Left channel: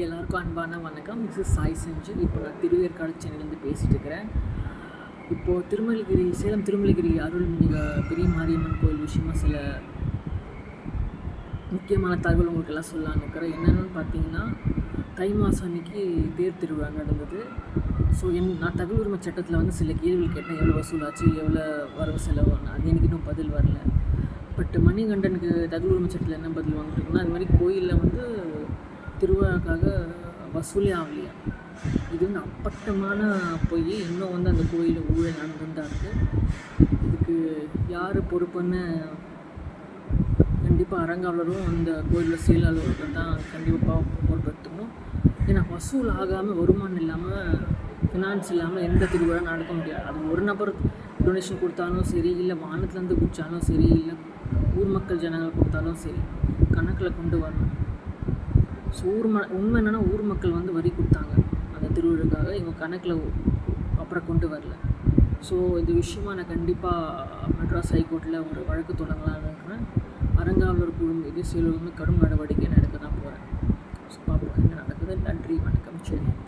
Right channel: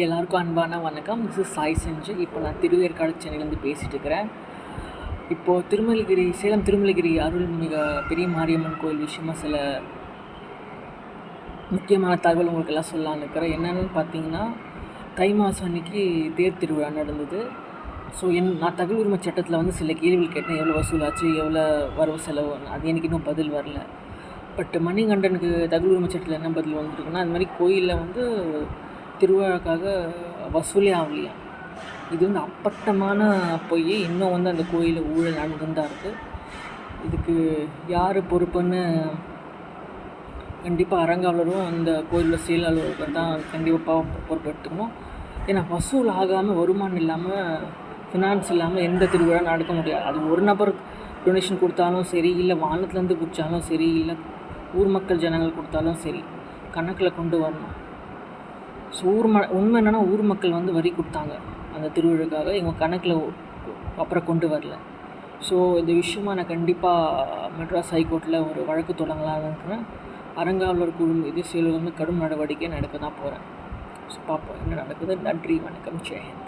எல்லாருக்கும் அன்பான வணக்கம். திஸ் இஸ் சாய் செஞ்சு. இப்போ நான் திருவேற்காடு சென்னையிலேருந்து பேசிகிட்டு இருக்கிறேன். இப்போது சேலம் திருமலைகிரி அருள்மிகு பெரிய மாரியம்மன் கோயில் விஷயமா சில முக்கியமான தகவல் உங்களுக்கெல்லாம் சொல்லலான்னு இருக்கிறேன். என்னென்னு பார்த்தீங்கன்னா, தை மாதம் அன்றைக்கி தேர் திருவிழா நடந்தது. ஸோ நான் தகவல் உரிமை சட்டத்தில் சில கேள்விகள் கேட்டேன். எவ்வளோ வசூலாச்சு, எவ்வளோ வரவு செலவு, அது எனக்கு இன்னும் பதில் வரல. பட் மணிகண்டனுக்கு தகவல் உரிமை சட்டத்தில் என்ன பதில் வந்துருக்குன்னா, அது மாதிரி கோயிலில் திருவிழாக்காக வசூலே ஆகலையா. இது அப்பட்டமான பொய். இன்னும் அந்த கோயிலில் ஊழல் நடந்துன்னு தான் இருக்குது. இதுக்கு யார் பொறுப்புன்னு கண்டிப்பாக அரங்காவலரும் அந்த கோயிலில் செயலாளர்கள் தான் கண்டிப்பாக பொறுப்பெடுத்துக்கணும். ஏன்னா வசூல் ஆகாமல், வருமானம் இல்லாமல், ஃபினான்ஸ் இல்லாமல் எந்த திருவிழா நடக்க முடியாது. அது ஒரு நபர் டொனேஷன் கொடுத்தாலும் சரி, இல்லை வானத்துலேருந்து குடித்தாலும் சரி, இல்லை ஊர் மக்கள் ஜனங்கள் கொடுத்தாலும் சரி, கணக்கில் கொண்டு வரணும். ஸோ உண்மை என்னென்னா, ஊர் மக்கள் வரி கொடுத்தாங்க அந்த திருவிழாக்காக. இவங்க கணக்கில் அப்புறம் கொண்டு வரல. ஸோ இந்த விஷயமாக நான் கண்டிப்பாக மெட்ராஸ் ஹைகோர்ட்டில் ஒரு வழக்கு தொடங்கலான்னு இருக்கிறேன். அரங்காவலர் குழு மீது செயலர் கடும் நடவடிக்கை நடக்க தான் போகிறேன். ஸோ பார்ப்போம் என்ன நடக்குது. நன்றி, வணக்கம், ஜெயஹிந்த்.